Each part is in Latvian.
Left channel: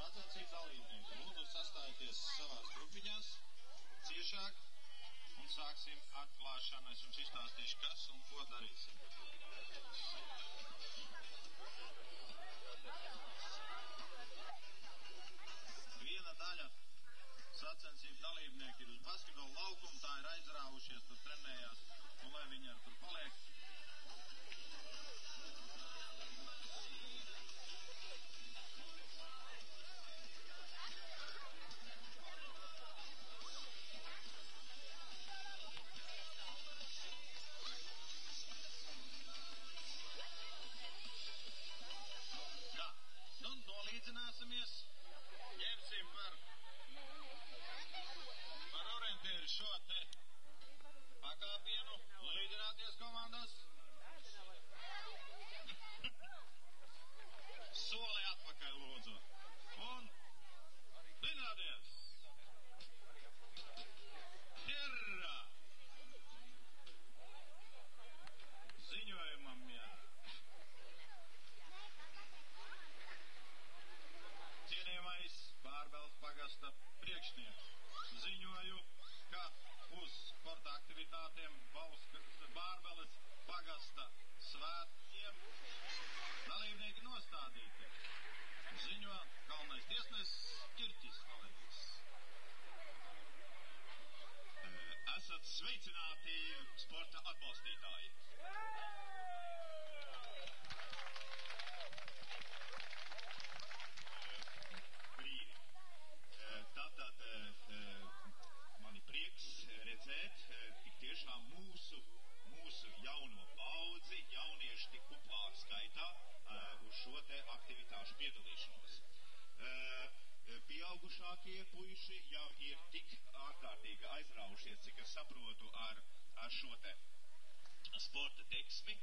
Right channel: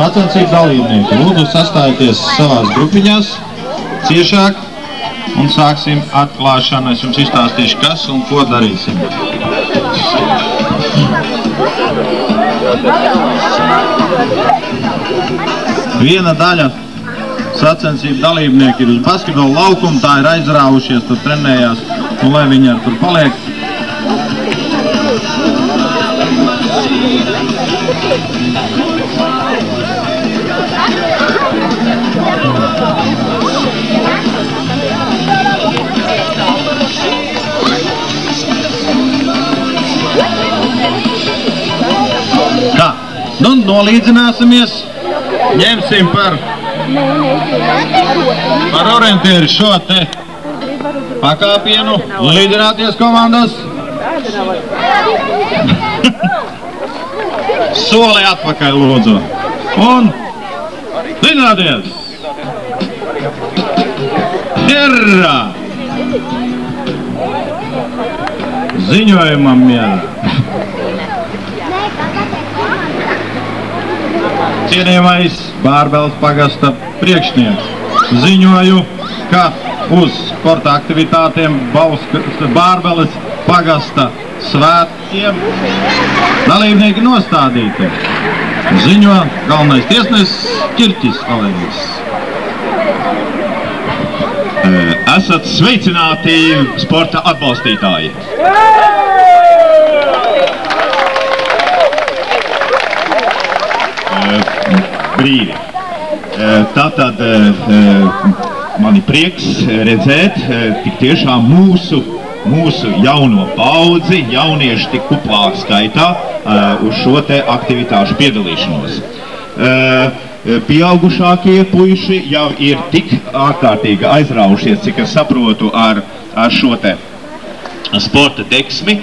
Sacensību dalībnieki, lūdzu sastājieties savās grupiņās ciešāk un sāksim atklāšanu. Es jums izstāstīšu, kas un ko darīsim. Viena daļa sacensību dalībnieki ir uz basketbola laukumu, tā ir aizrāvušies, tur trenējās, un lai viņi ar tur paliek. Tā, nu nolīdzināsimies, ņemsim par orientieru šo te pakāpienu, līdzināties komandas. Soli atpakaļ, lūdzu. Un līdzināties. Herra! Ziņojumam miera. Cienījamais Bārbeles pagasta priekšnieks, ziņoju, ka uz sporta aktivitātiem Bārbeles pagasta svētkiem dalībnieki nostādīti. Ziņo galvenais tiesnesis Ķirķis Valērijas. Esat sveicināti sporta atbalstītāji. Brīvi. Tātad mani prieks redzēt tik tiešām mūsu jauno paudzi, jaunieši tik kuplā skaitā uz šo te aktivitāšu piedalīšanos. Pieaugušākie puiši jau ir tik ārkārtīgi aizraujušies, cik es saprotu, ar šo te sporta deksmi,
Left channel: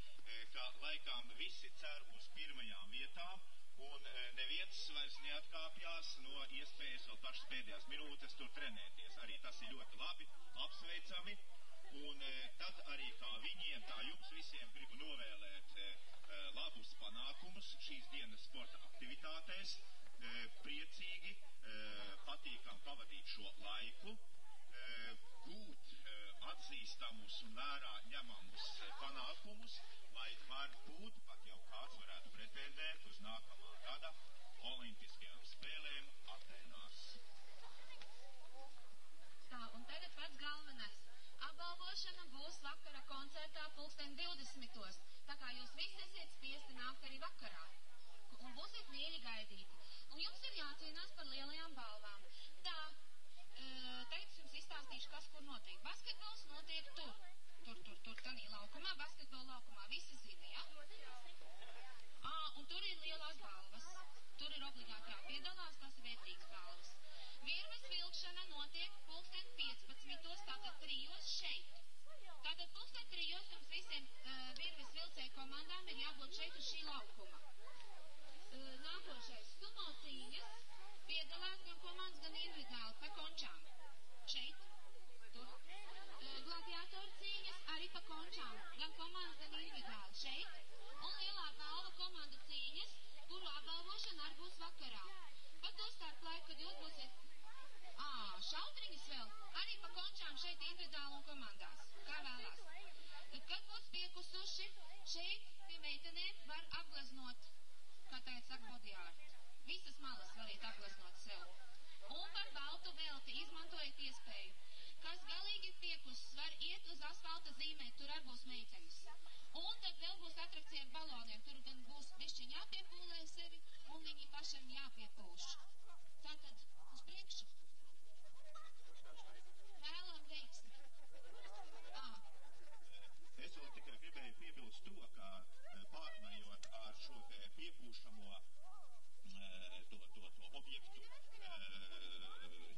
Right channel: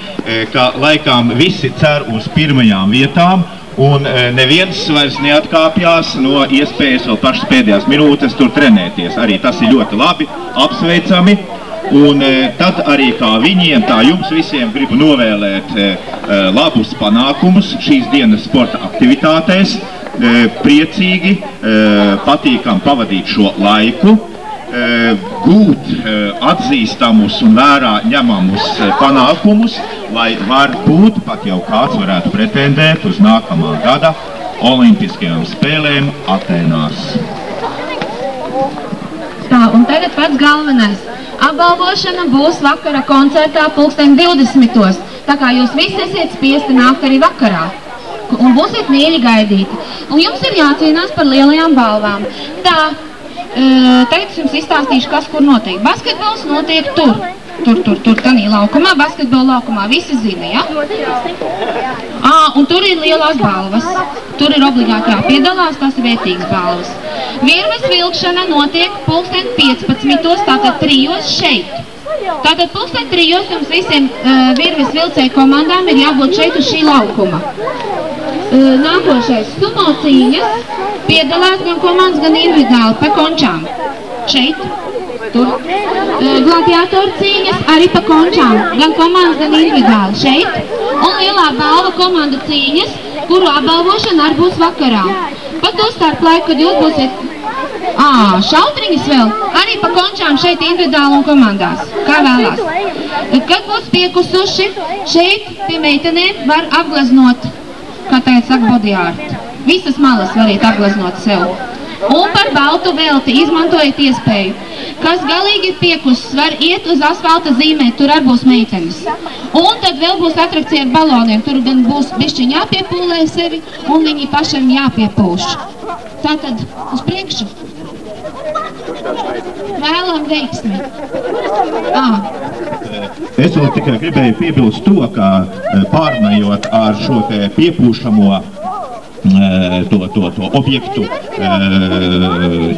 ka laikām visi cer uz pirmajām vietām, un neviens vairs neatkāpjās no iespējas vēl pašas pēdējās minūtes tur trenēties. Arī tas ir ļoti labi, apsveicami. Un tad arī kā viņiem, tā jums visiem gribu novēlēt labus panākumus šīs dienas sporta aktivitātēs. Priecīgi, patīkam pavadīt šo laiku, gūt atzīstamus un vērā ņemamus panākumus, lai varbūt pat jau kāds varētu pretendēt uz nākamā gada Olimpiskajām spēlēm Atēnās. Tā, un tagad pats galvenais. Apbalvošana būs vakara koncertā 20:20. Tā kā jūs visi esiet spiesti nākt arī vakarā. Un būsiet mīļi gaidīti. Un jums ir jācīnās par lielajām balvām. Tā, tagad es jums izstāstīšu, kas kur notiek. Basketbols notiek tur, tanī laukumā, basketbola laukumā, visi zina, ja? Un tur ir lielās balvas. Tur ir obligāti jāpiedalās, tas ir vērtīgas balvas. Virves vilkšana notiek 15:15, tātad 3 šeit. Tātad 3 jums visiem virves vilcēju komandām ir jābūt šeit uz šī laukuma. Nākošais sumo cīņas piedalās gan komandas, gan individuāli pa končām. Šeit, tur. Gladiātoru cīņas arī pa končām, gan komandas, gan individuāli. Šeit. Un lielā balva komanda cīņas, kuru apbalvošana arī būs vakarā. Pa to starp laiku, kad jūs būsiet šautriņas vēl, arī pa končām šeit individuāli un komandās, kā vēlās. Kad būs piekusuši, šeit pie meitenēm var apgleznot, kā tagad saka, body art. Visas malas variet apgleznot sev. Un par baltu velti izmantojiet iespēju. Kas galīgi ir piekusis, var iet uz asfalta zīmēt, tur arī būs meitenes. Un tad vēl būs atrakcija ar baloniem, tur gan būs bišķiņ jāpiepūlē sevi, un viņi pašiem jāpiepūš. Tātad uz priekšu. Vēlam veiksmi. Es vēl tikai gribēju piebilst to, ka pārnājot ar šo te piepūšamo objektu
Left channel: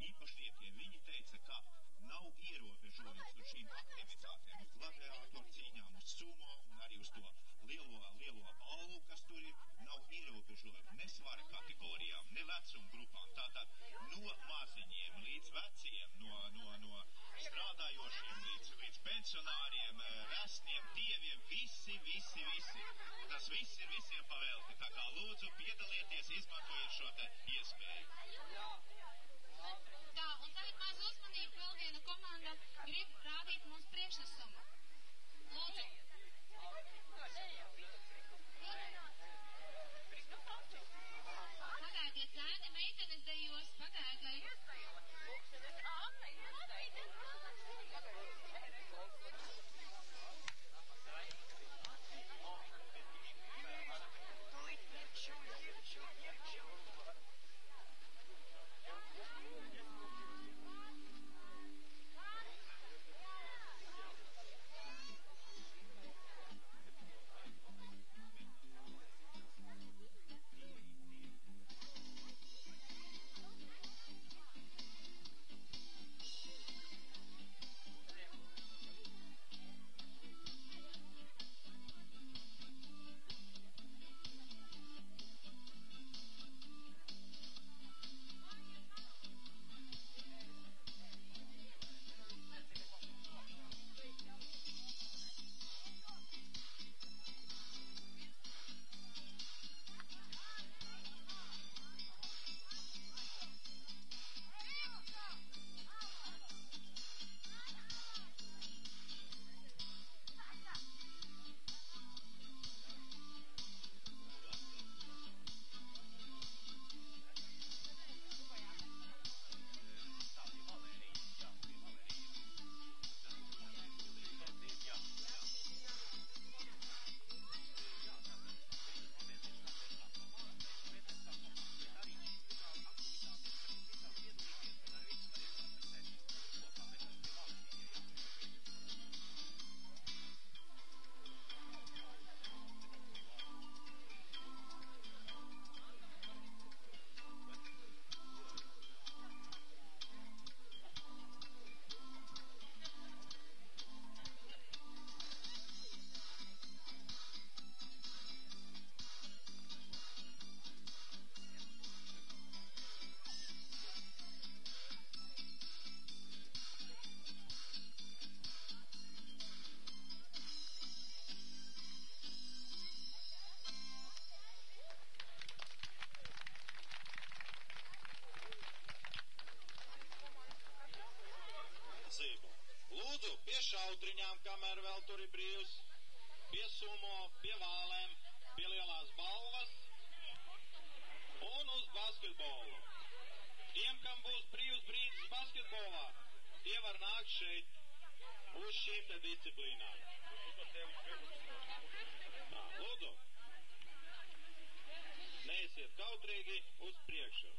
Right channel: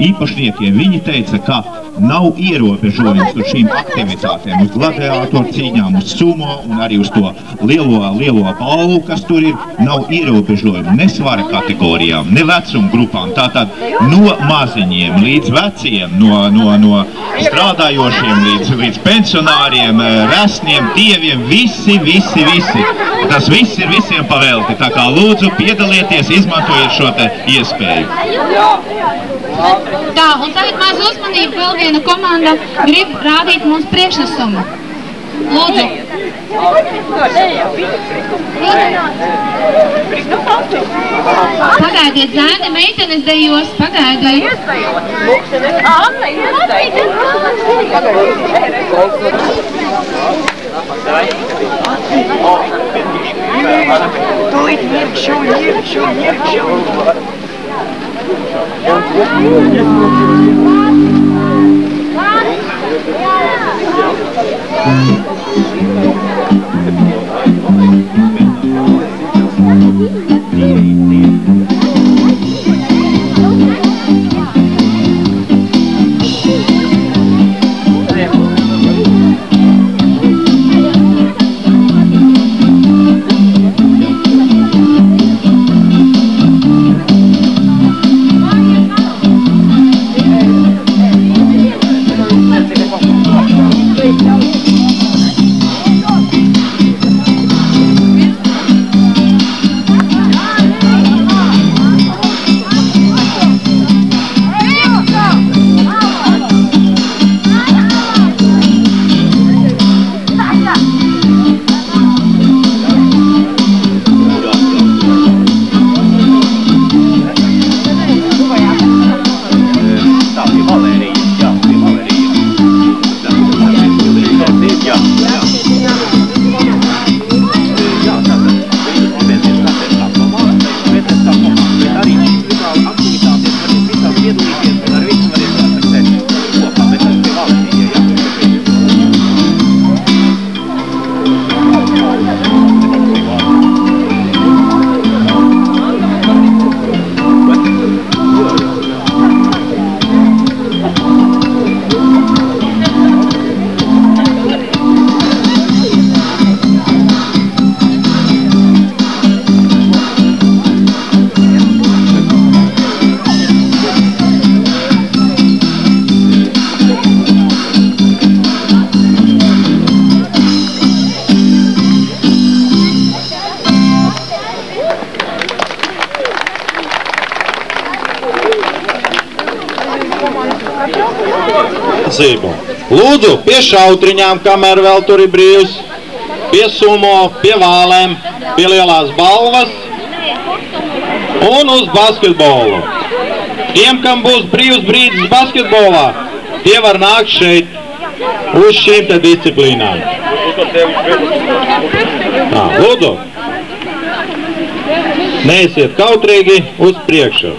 īpašniekiem. Viņi teica, ka nav ierobežojums uz šīm aktivitātēm, uz gladiātoru cīņām, uz sumo un arī uz to lielo balvu, kas tur ir, nav ierobežojumi ne svara kategorijām, ne vecuma grupām. Tātad no maziņiem līdz veciem, no strādājošiem līdz pensionāriem, resniem, dieviem, visi. Tas viss ir visiem pavēlti. Tā kā lūdzu piedalieties, izmantojiet šo te iespēju. Tā, un tagad maz uzmanību, vēl viena komanda grib rādīt mums priekšnesumu. Lūdzu. Pagaidiet, zēni, meitenes dejos, pagaidiet. Tūlīt ņirkšu. Lūdzu, pie šautriņām, kamēr vēl tur ir brīvs, pie sumo, pie vālēm, pie lielās balvas un uz basketbolu. Tiem, kam būs brīvs brīdis basketbolā, tie var nākt šeit uz šīm te disciplīnām. Lūdzu, neesiet kautrīgi uz priekšu.